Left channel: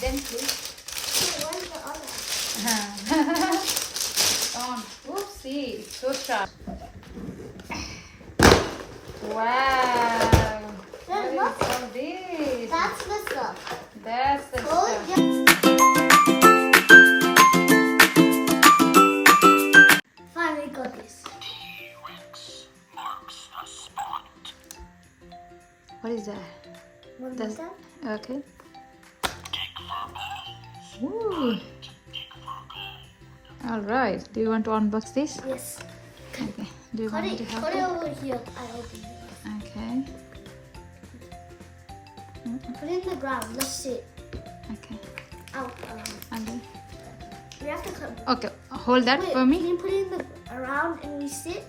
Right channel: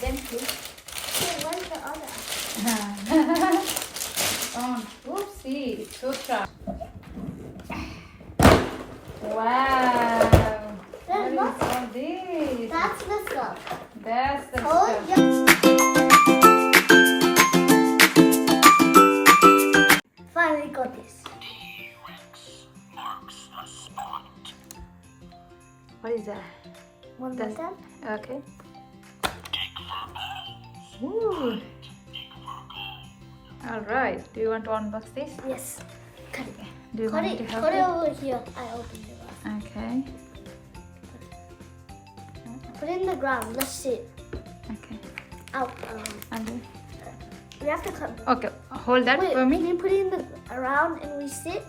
Then two. Wait, where's the other? Oh, oopsie, it's so sharp. Wow. Then What look. is all this? That's the stuff. That's the Oh, stuff. yeah. Finally got this. What is that? One more Does- time. Okay. Ooh. All right. Do you want to unbox this? Yes. Okay. Do you Put want me it, to help put it you? over here. I opened it. Okay. Put it in the ground. Let's see it. Okay. Out. And then, We have to cut. okay. Hold that Wait, for me. Can you put it in the around and we sit?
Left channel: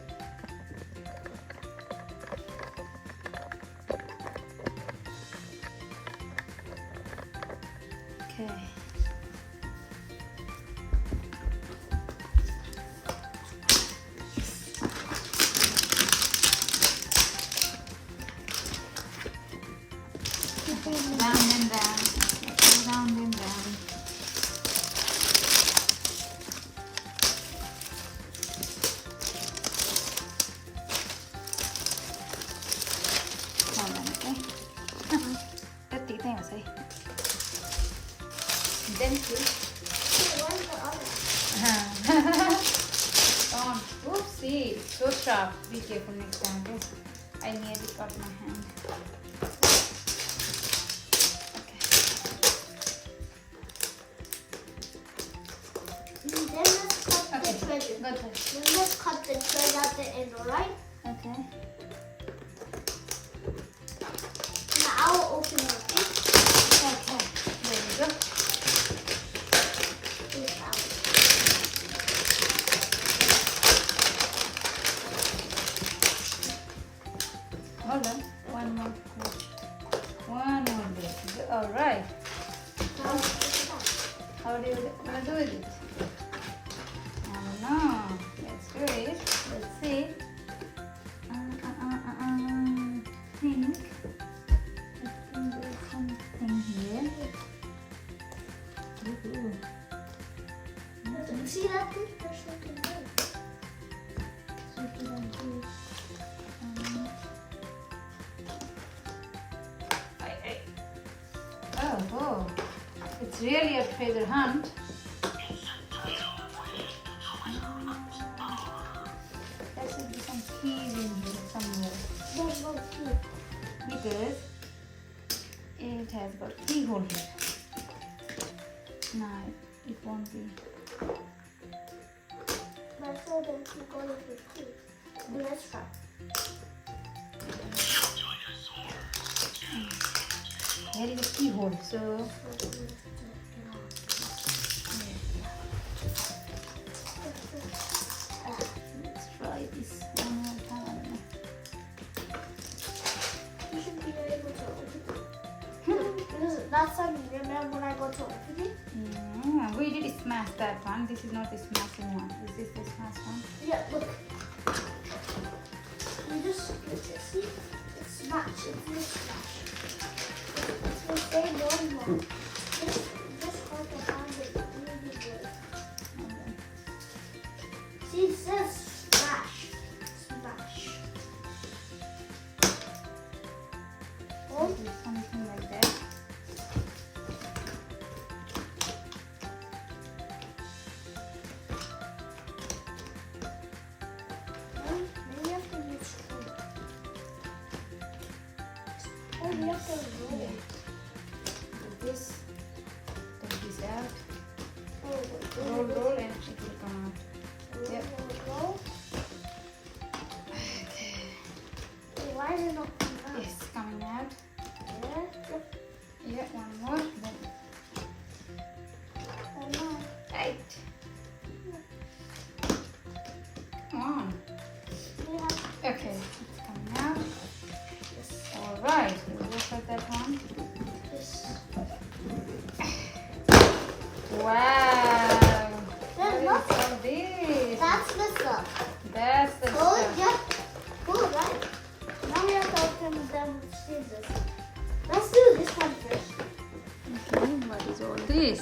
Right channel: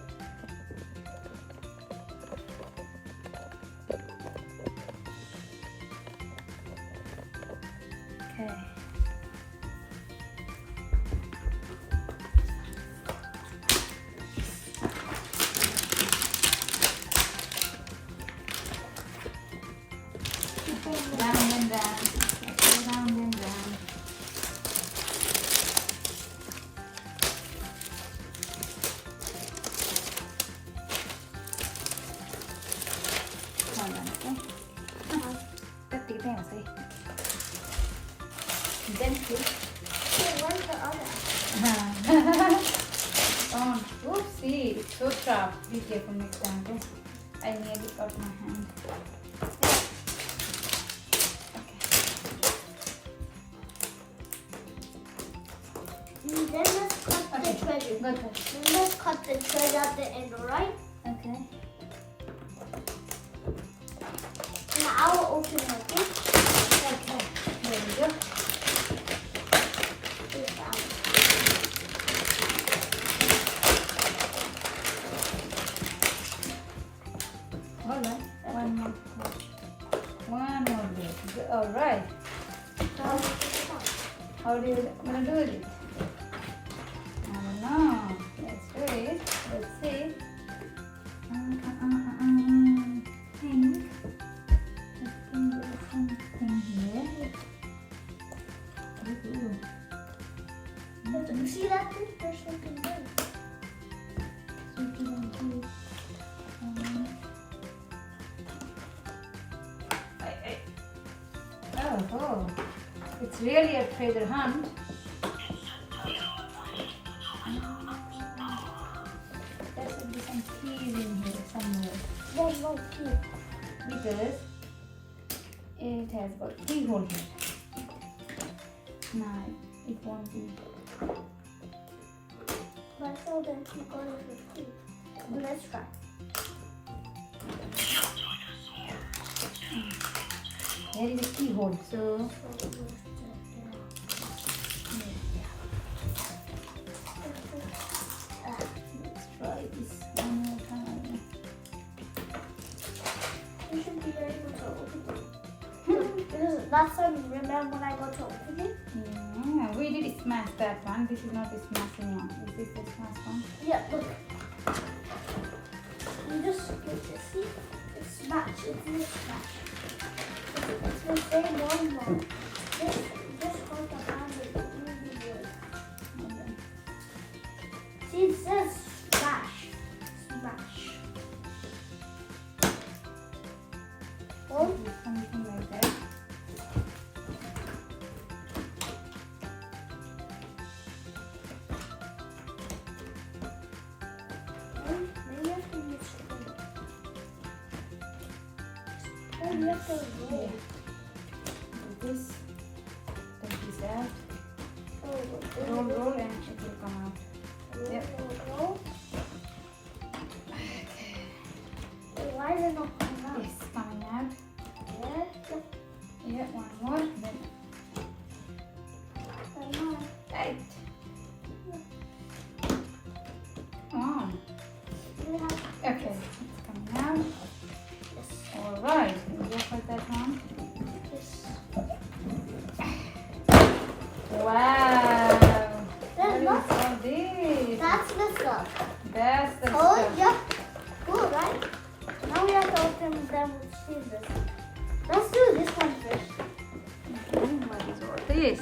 Okay. Round and round. Round and round. Hold on, okay? Let's take them, say. Then two. Wait, where's the other? Oh, oopsie, it's so sharp. Be careful next time, okay? I nearly got my hand. Then let's cut the Okay. thread. Go ahead. Then let's cut the thread at the end, alright? Okay. Now I will open it, okay? Okay. There we go. It's out. Hold on. One more. One more bit. All right. Now, How do you want to do with it? I don't know. Let's do it. Let's see. Think. I think there's something here. Ooh. you see that thing? There's something there. Something like this. Oh, it's really a treasure hunt. There should be some keys in here somewhere There's no key. because it has got keyhole here. Now it won't be. But I told them to go to the key. Let's try. Here is a keyhole, so let's try this one more time. You should be able to open it. Because last time, remember when I got to open it? Yeah, we did smash that one. This is not a smashing one. Is this the smash one? Yeah, look. You just switch it. See? It's smash. It's this smash. It's the same one more. This part I found it really good. See, it says smash. Smash. Oh, Do something like that. maybe I have to use spoon. Oh, we have to roll. Do this. Take this out. Oh, Roll, and it will come out. Yep. Roll. Why is it not coming out? Yes, coming out. Yeah. Yeah, one more. Then I know. tight. Come on. We have Okay, it's coming out. this. All right, we'll go for that one. This. Wow. Then look. What is all this? That's the stuff. That's the Oh, stuff. yeah. Cool, right? Now we have to open them with scissors. Let's do this one first. this?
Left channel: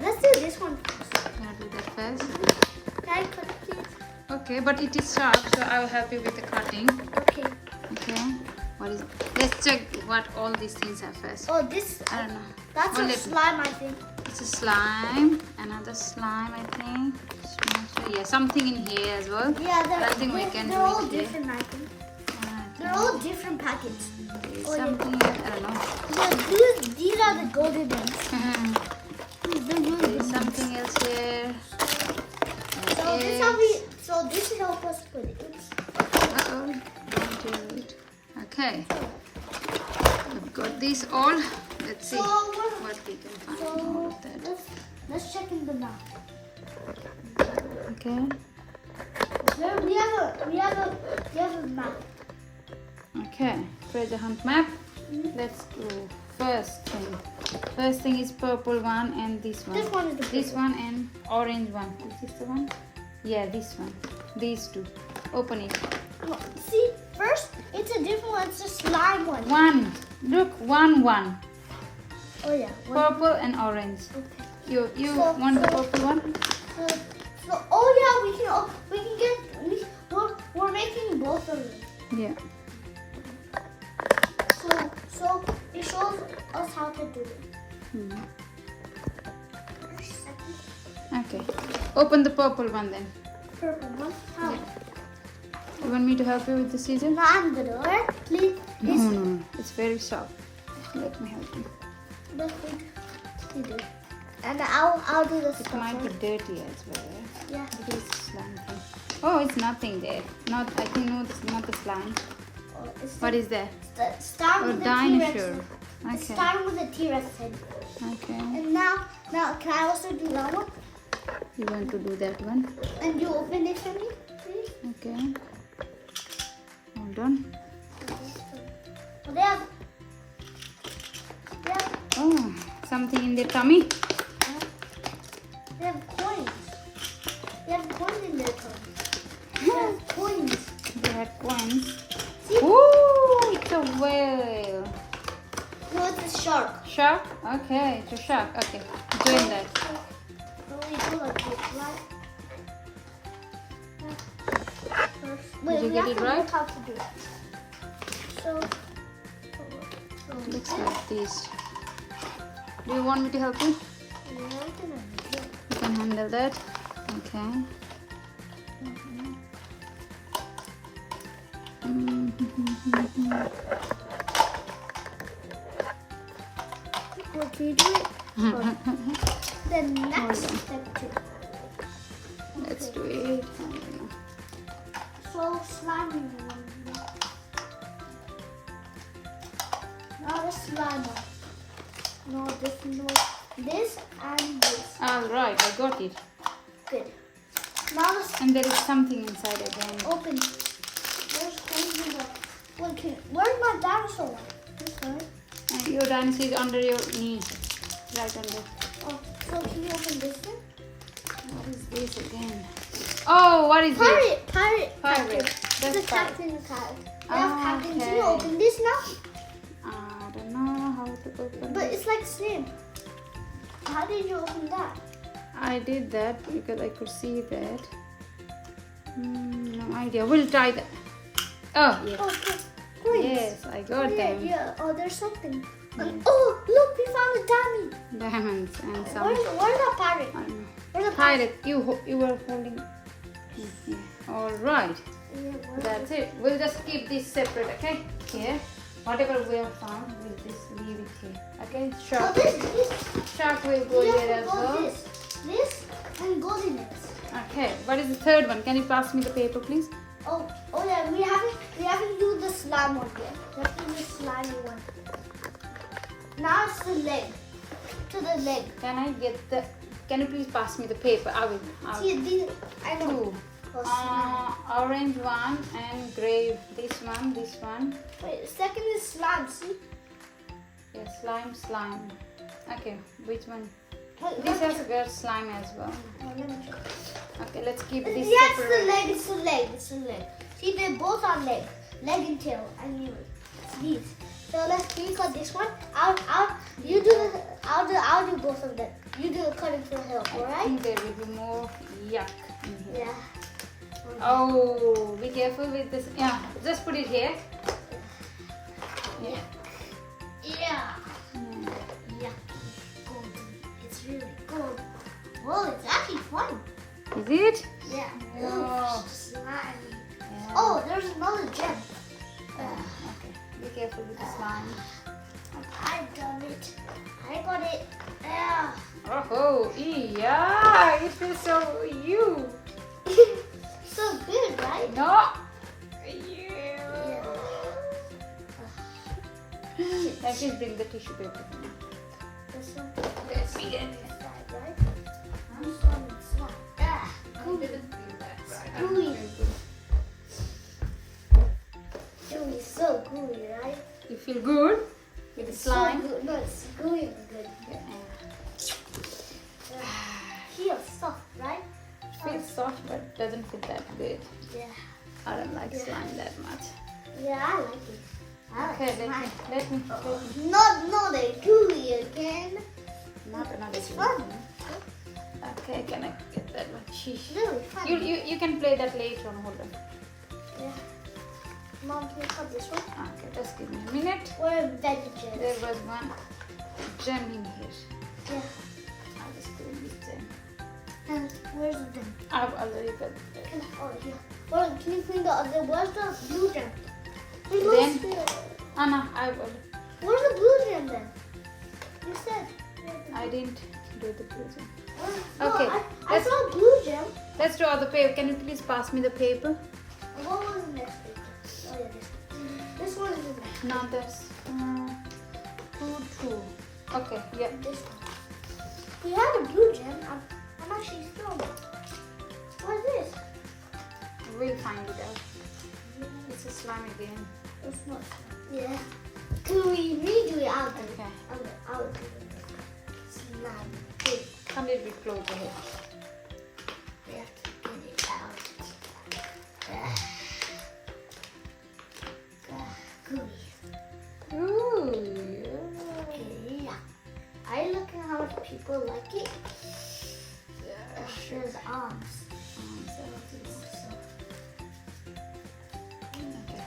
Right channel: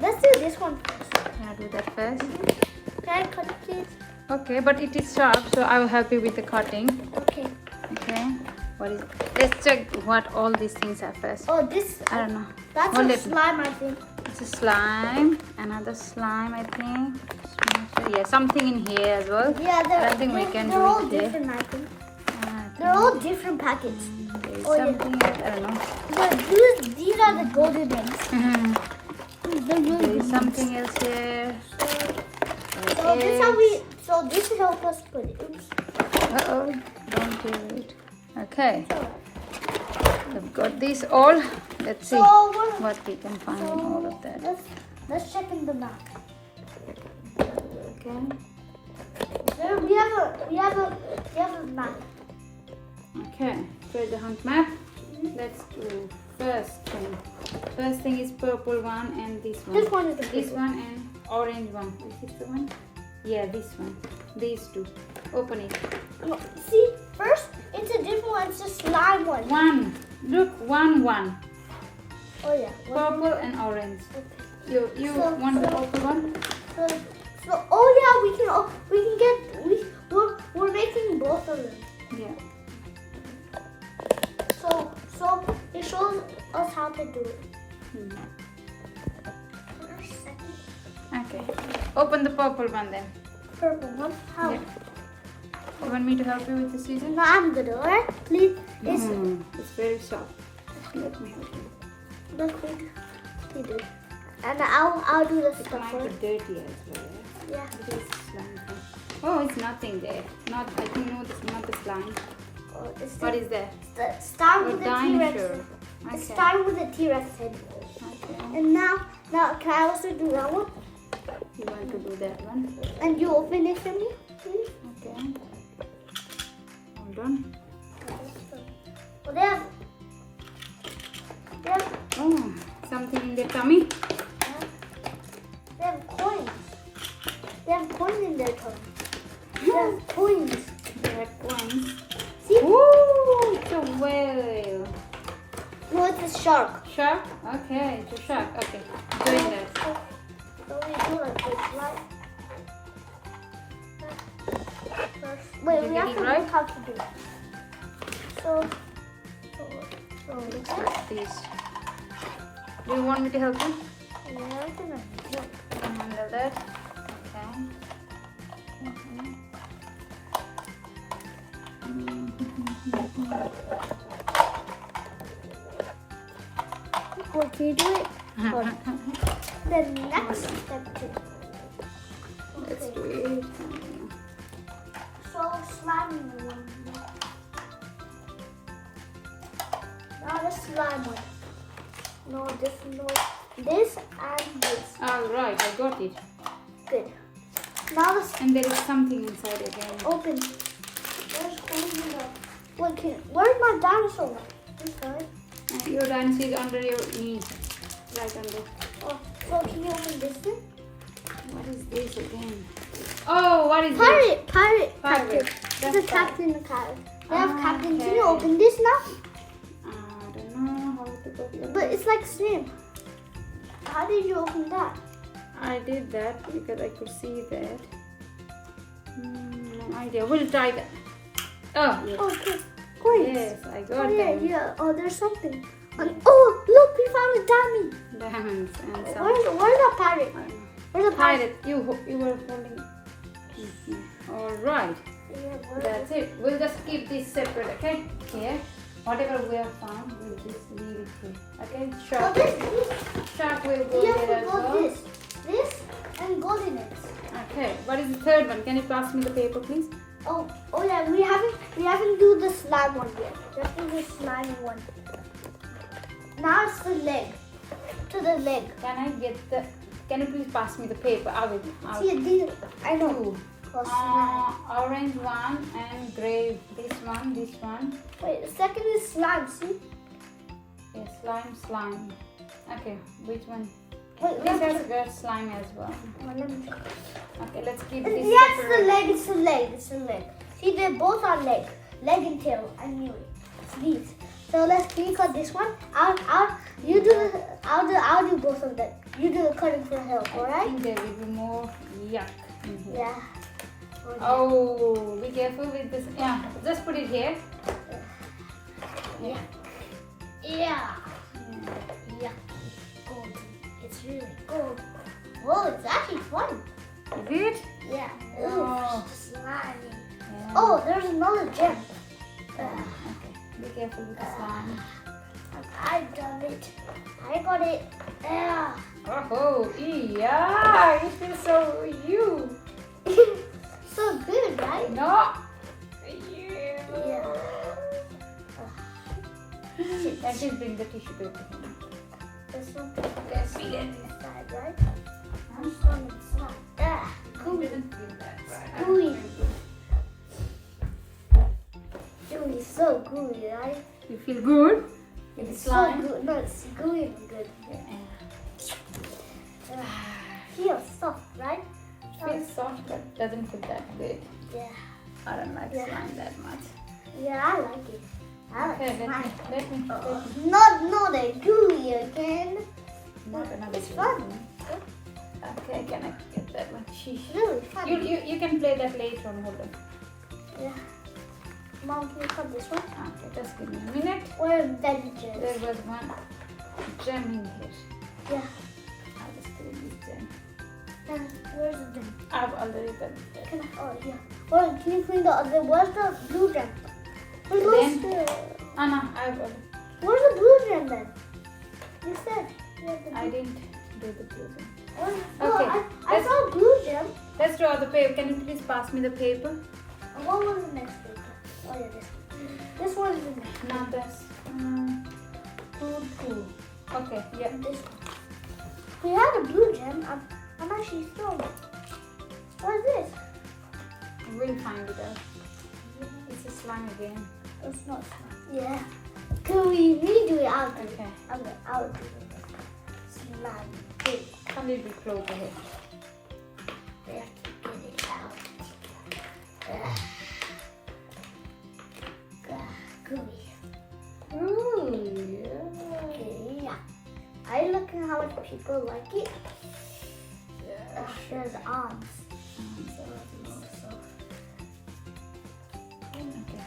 Let's do this one first. Can I do that first? Can I cut it, please? Okay, but it is sharp, so I will help you with the cutting. Okay. Okay. What is? Let's check what all these things are first. Oh, this. I don't know. That's Hold a it. slime, I think. It's a slime. Another slime, I think. Yeah, something in here as well. Yeah, But I think we can they're do all it here. different, I think. I They're all different packets. think there is Oh, yeah. something else. I don't know. Yeah, these are the golden ones. They're really There is good. something else here. So this is how we. So this is help us put it. Oops. Uh-oh. Don't do it. Okay. We've got these all. Let's see So we're- what we can find So in all of that. let's check in the map. Okay. There we have a map. Okay. Treasure hunt map. Let's go. First thing is purple one and this one. This one is the This purple. one and orange one. Is this the one? Yeah, this one. These two. Open it. No, see, first it's a different one. It's a slime one. One. Look, one. Oh yeah. One. Purple and orange. Okay. You So- want the so- purple one? So oh yeah, we're making both of them. Yeah. So it shows us how to do it. Hmm. Okay. Open the purple one then. Purple one. How? Yeah. You want me to help you with the scissors? No, I'm good. Alright, please. It's very soft. Let me help you. Let's you do. And I'll do the It stuff. might be dirty as well. Right? Yeah. It is slime. Oh, it's nothing there. Not. I think no, it's not the slime. Oh, it's What is that? start Oh, with the T-Rex. dinosaur. It's Okay. starting with the T-Rex head. Okay. And now can I also do that one? You want to do that one? And you open it for me, please? Okay. Hold on. Oh, they have Oh, something in the tummy. they have coins. They have coins in their tongue. They have coins. They had coins. See? Ooh, it's a whale. No, it's a shark. Shark? Okay, it's a shark. Okay, doing that. So we do like this, right? First, wait, Did you we get have it to right? look how to do it. So Looks like this. Do you want me to help you? yeah, I can handle it. You can handle that. Okay. Oh, can you do it? The next step too. Let's do it. So slimy one. Not a slime one. No, this and this. All right, I got it. Good. Now let's And there is something inside again. open. Where's where's my dinosaur? This side. And your dinosaur is under your knee. Right under. Oh, so can you open this one? What is this again? Oh, what is it? Pirate. Pirate. This is Captain Pirate. We have Ah, Captain. Can okay. you open this now? I don't know how to open But it. it's like same. How did you open that? I did that because I could see that. No idea. We'll try that. Oh, yes. Oh, okay. Coins. Yes, I got Oh, yeah, them. yeah. Oh, there's something. And, oh, look, we found a dummy. Diamonds and some. Where's the pirate? Where's the pirate? Pirate, you were holding. All right, that's it. We'll just keep this separate, okay? Here, whatever we have found, we'll just leave it here. Okay, So shark. Shark will go we have there to as go well. this, and goes in it. Okay, what is the third one? Can you pass me the paper, please? Oh yeah, we haven't do the slime one yet. We have to do the slimy one. Now it's the leg. To the leg. Can I get the? Can you please pass me the paper? I will. See, these, I know. Two. Oh, slime. Orange one and gray. This one. Wait, the second is slime, see? Yes, slime. Okay, which one? Wait, we This have has to... got slime as well. Oh, let me... Okay, let's keep this Yeah, it's separate. the leg, it's the leg. See, they both are leg and tail. I knew it. It's these. So let's cut this one. I'll do both of them. You do the cutting for help, I alright? think there will be more yuck in here. Yeah. Oh, be careful with this. Yeah, just put it here. Yeah. Yeah. Yeah. Gold. It's really gold. Whoa, it's actually fun. Is it? Yeah. Oh. Ooh, slimy. Yeah. Oh, there's another gem. Okay. Be careful with the slime. I've done it. I got it. Yeah. Oh, yeah, it feels so you. So good, right? No. Yeah. Let me bring the tissue paper. There's some Let's see it. inside, right? I'm some inside. Ah, gooey. Gooey. Gooey, so gooey, right? You feel good? With the It's slime? so good. No, it's gooey and good. Feels soft, right? Feels soft, but doesn't feel that good. Yeah. I don't like slime that much. Yeah, I like it. I like Okay, slime. let me. Not a gooey again. Not another It's thing. fun. Okay, can I get that one? Sheesh. Really fun. You can play that later on. Hold on. Yeah. Mom, can you cut this one? Okay, just give me a minute. Where are veggies? There was one gem in here. Yeah. I'll just put in this gem. And where's the gem? I've already got it. Can I, oh, yeah. Well, can you clean the other? Where's the blue gem? Wait, Then- no, I've already. where's the blue gem then? You said. you had the I blue- didn't do the blue gem. Oh, no, Okay, I let's- saw blue gem. Let's draw the paper. Can you please pass me the paper? What was the next paper? Oh, yeah, this. This one's the next. Not this. Two. Okay, yeah. This one. We had a blue gem. I'm actually still. What is this? We'll find it out. It's a slime again. It's not. Yeah. Can we redo it out? Okay. I'll do it. Slime. Good. Come a little bit closer here. We have to get it out. Gooey. Ooh, Okay, yeah. Are you looking how much people like it? yeah. There's arms. Okay.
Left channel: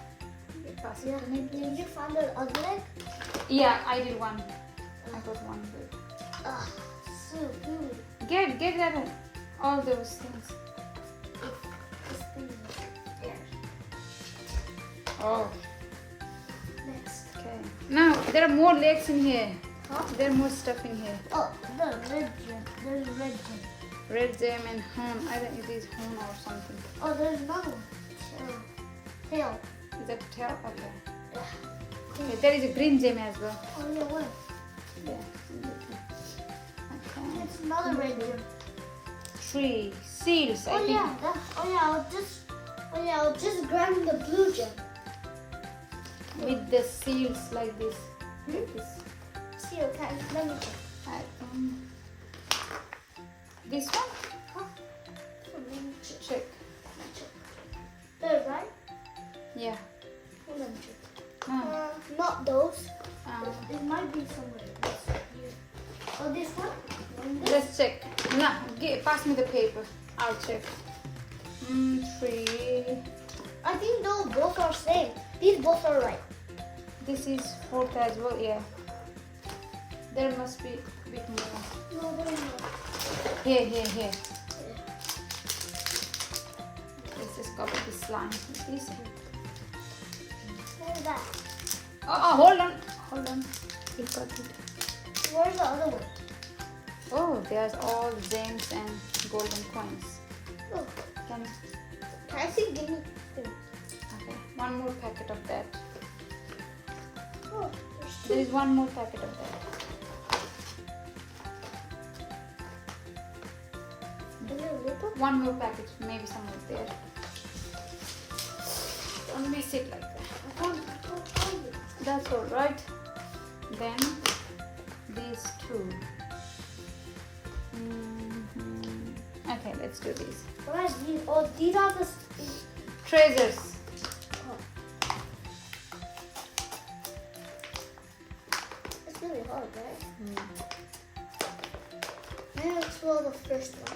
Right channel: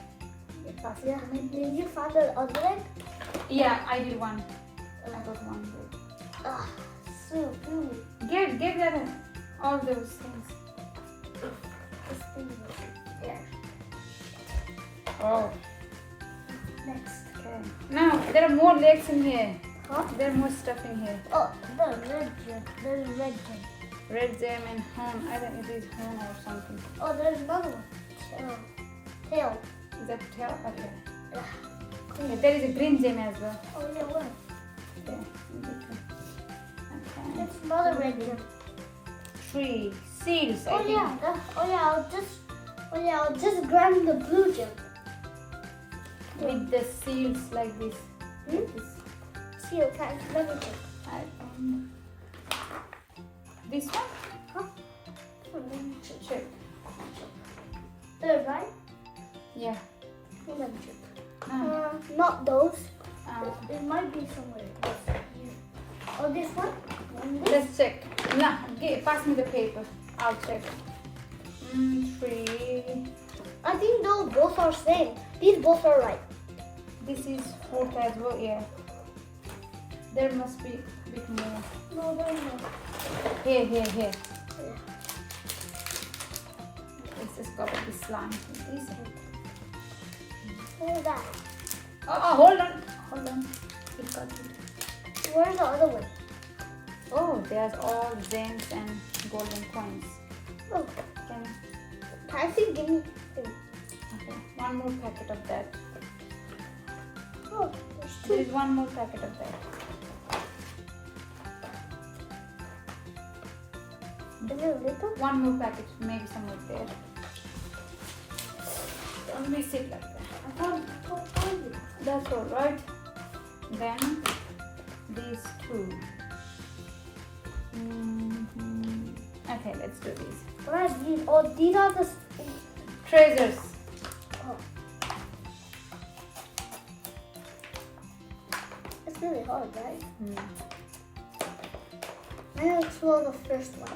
Pass it Yeah. to me, please. Did you find the other leg? Yeah, I did one. I got one good. Ah, so gooey. Get that one. All those things. This thing is there. Oh, Next. okay. Now there are more legs in here. Huh? There are more stuff in here. Oh, the red gem. There's red gem. Red gem and horn. I think it is horn or something. Oh, there's another one. Tail. Is that tail? Okay. Yeah. Okay, there is a green gem as well. Oh, yeah, what? There. in between. Okay. It's another red gem. Three seals. I Oh think. yeah, I'll just grab the blue gem. With the seals like this. Like this. See, okay, let me check. This one? Huh? Let me check. Check. There, right? Yeah. Let me check. Ah, Not those. ah. It might be somewhere. Yes. Oh, this one? Let's check. Nah, pass me the paper. I'll check. Three. I think those both are same. These both are right. This is fourth as well. Yeah. There must be a bit more. No, they're not. Here. Yeah. Let's just cover this slime with this. What is that? Oh, hold on. It got it. Where's the other one? Oh, there's all gems and golden coins. Oh, Can can I see? Give me. okay. One more packet of that. Oh, there's There two. is one more packet of that. Is there a little? One more packet, maybe somewhere there. Don't miss it like that. I can't find it. That's all right. Then these two. Okay, let's do this. What are these? Oh, these are the. Treasures. Oh. It's really hard, right? I'm gonna explore the first one.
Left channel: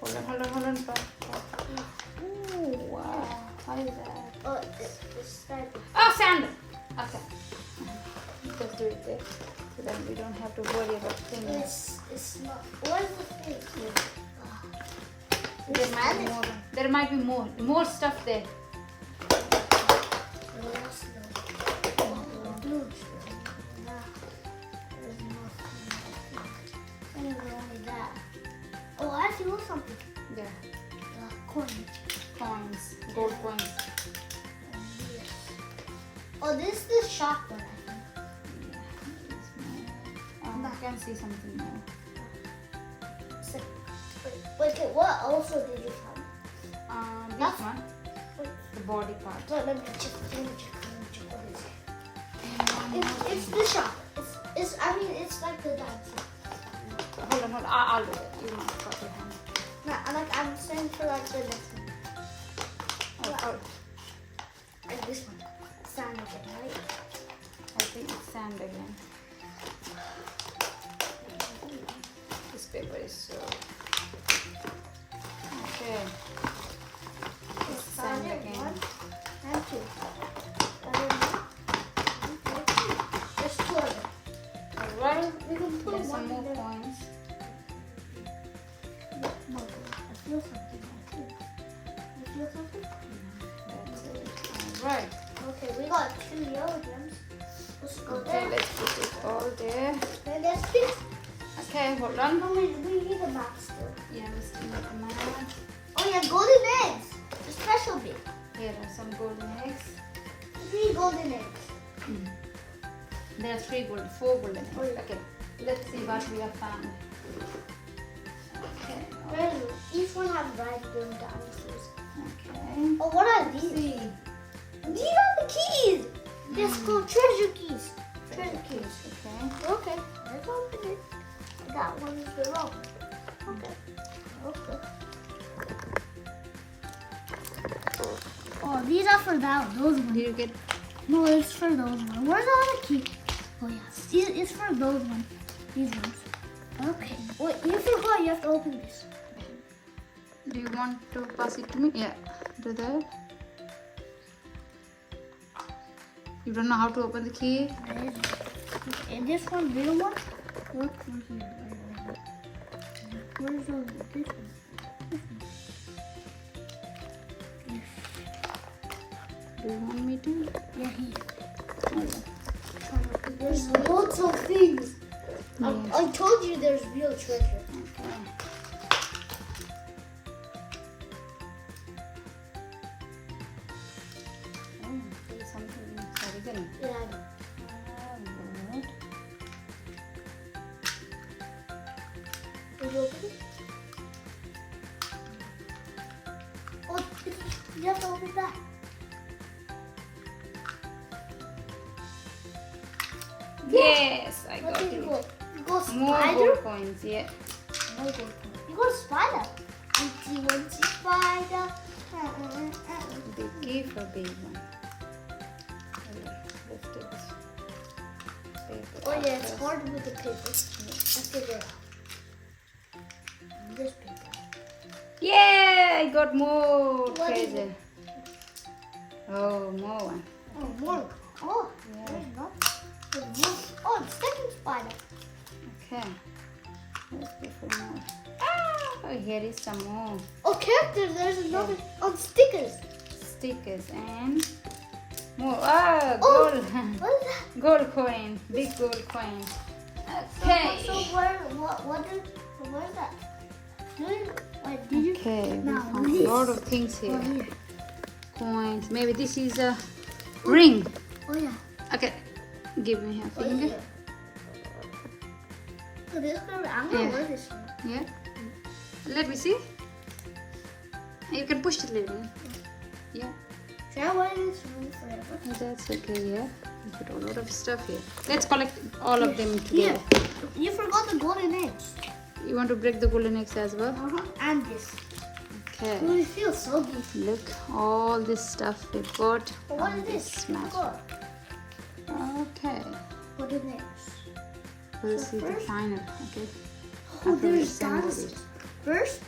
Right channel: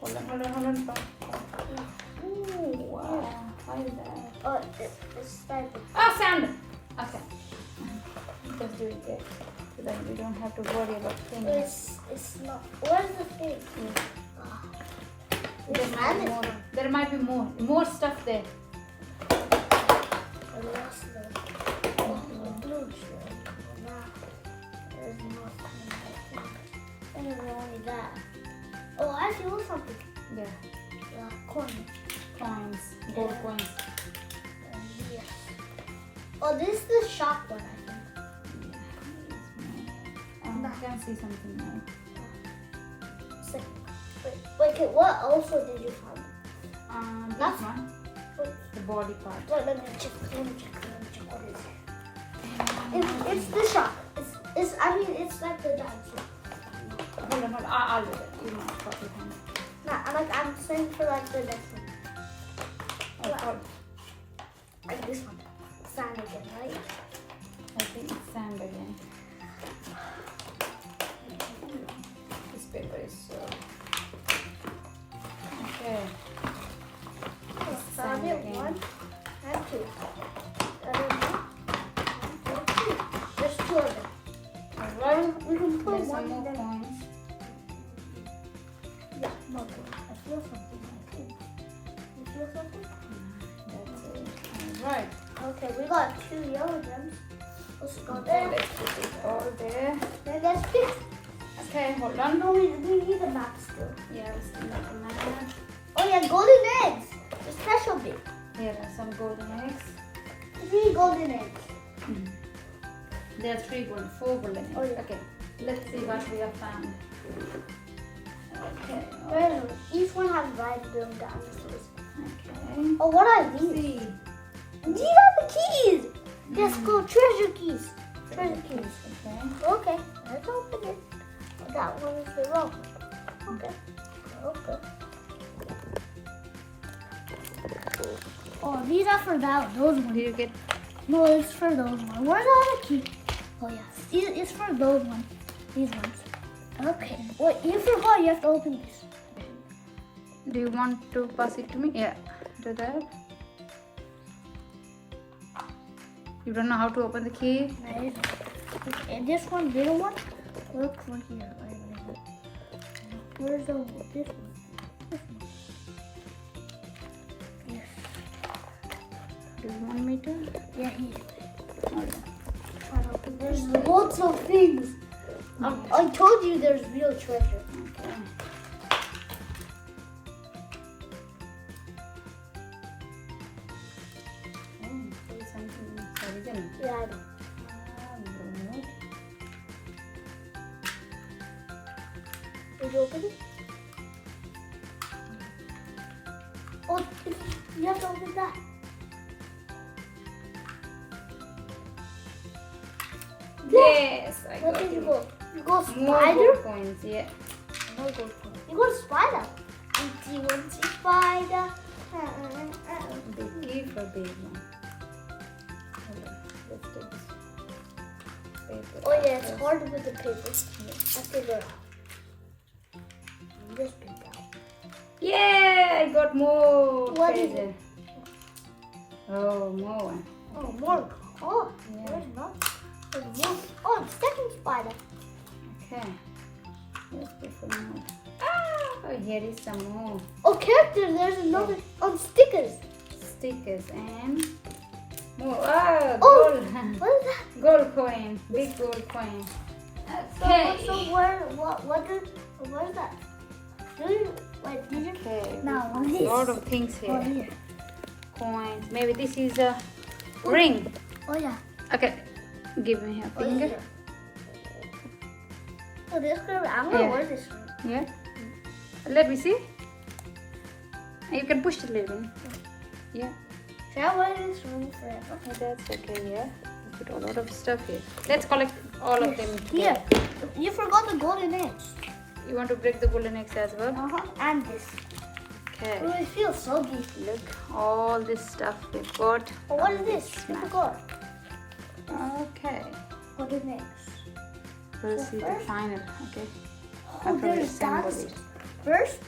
Hold on. Ooh, wow. How is that? Oh, it's started. Oh, sand! Okay. Just do it there. So that we don't have to worry about things. It's not. Where's the thing? There might be more stuff there. Only that. Oh, I feel something. Yeah. Coins. Gold coins. Yes. Oh, this is the sharp one, I think. I can see something now. Wait, okay, what also did you find? This That's- one. The body part. Wait, let me check what is it. It's the sharp. It's like the dinosaur. Hold on. I'll do it. You must put your hand. No, I'm saying for like the next one. Oh, Like this one. Sand again, right? I think it's sand again. This paper is so... Okay. Found it. again. 1 and 2. There's 2 of them. Alright. We can put There's one some more there. coins. I feel something. You feel something? That's it. Alright. Okay, we got 2 yellow gems. Let's go Okay, there. let's put it all there. Then let's fix. Okay, hold on. No, we need a map still. Yeah, we still have the map. Oh yeah, golden eggs. The special bit. Here are some golden eggs. 3 golden eggs. There are 4 golden eggs. Oh, yeah. Okay, let's see what we have found. Okay. Each one has red-billed dinosaurs. Okay. Oh, what are these? See. These are the keys. Yes, go treasure keys. Treasure keys. Okay. Okay, let's open it. That one is the wrong. Okay. Oh, these are for those ones. Did you get? No, it's for those ones. Where's the other key? Oh yes, it's for those ones. These ones. Okay. Wait, you forgot. You have to open this. Do you want to pass it to me? Yeah. Do that. You don't know how to open the key? Where is it? Okay, this one, little one. Look one here. Where's this one? This one. Yes. Do you want me to? Yeah, here. Hold on. There's lots of things. I told you there's real treasure. Okay. There's something inside, isn't it? Yeah, I know. Good. Did you open it? Oh, you have to open that. Yes, I What got did it. you go? You go More spider? gold coins, yeah. No gold coin. You go spider. Empty spider. The key for this one. Okay, let's do this. Paper Oh yeah, it's first. hard with the paper. I figure out. This paper. Yeah, I got more. What is treasure. Oh, more one. Oh, more. Oh, Yeah. there's not. There's more. Oh, second spider. Okay. Let's go for more. Ah, oh, here is some more Oh, characters. There's another. Oh, stickers. stickers and more. Oh, Oh, gold. what is that? Gold coin. Big gold coin. Okay. So what is that? Wait, did you? Okay. Now, we what found is a lot this? of things Oh, here. here. Coins. Maybe this is a ring. Oh, yeah. Okay. Give me a finger. Oh, this girl, I'm gonna Yeah. wear this one. Yeah. Let me see. You can push it a little. Yeah. Should I wear this one forever? Oh, that's okay. Yeah. You put a lot of stuff here. Let's collect all of them Here. together. You forgot the golden eggs. You want to break the golden eggs as well? And this. Okay. Oh, it feels so good. Look, all this stuff we've got. What on is this? I mat. forgot. Okay. Golden eggs. We'll So see the first- final, okay? Oh, After we there's assemble dust. it. First,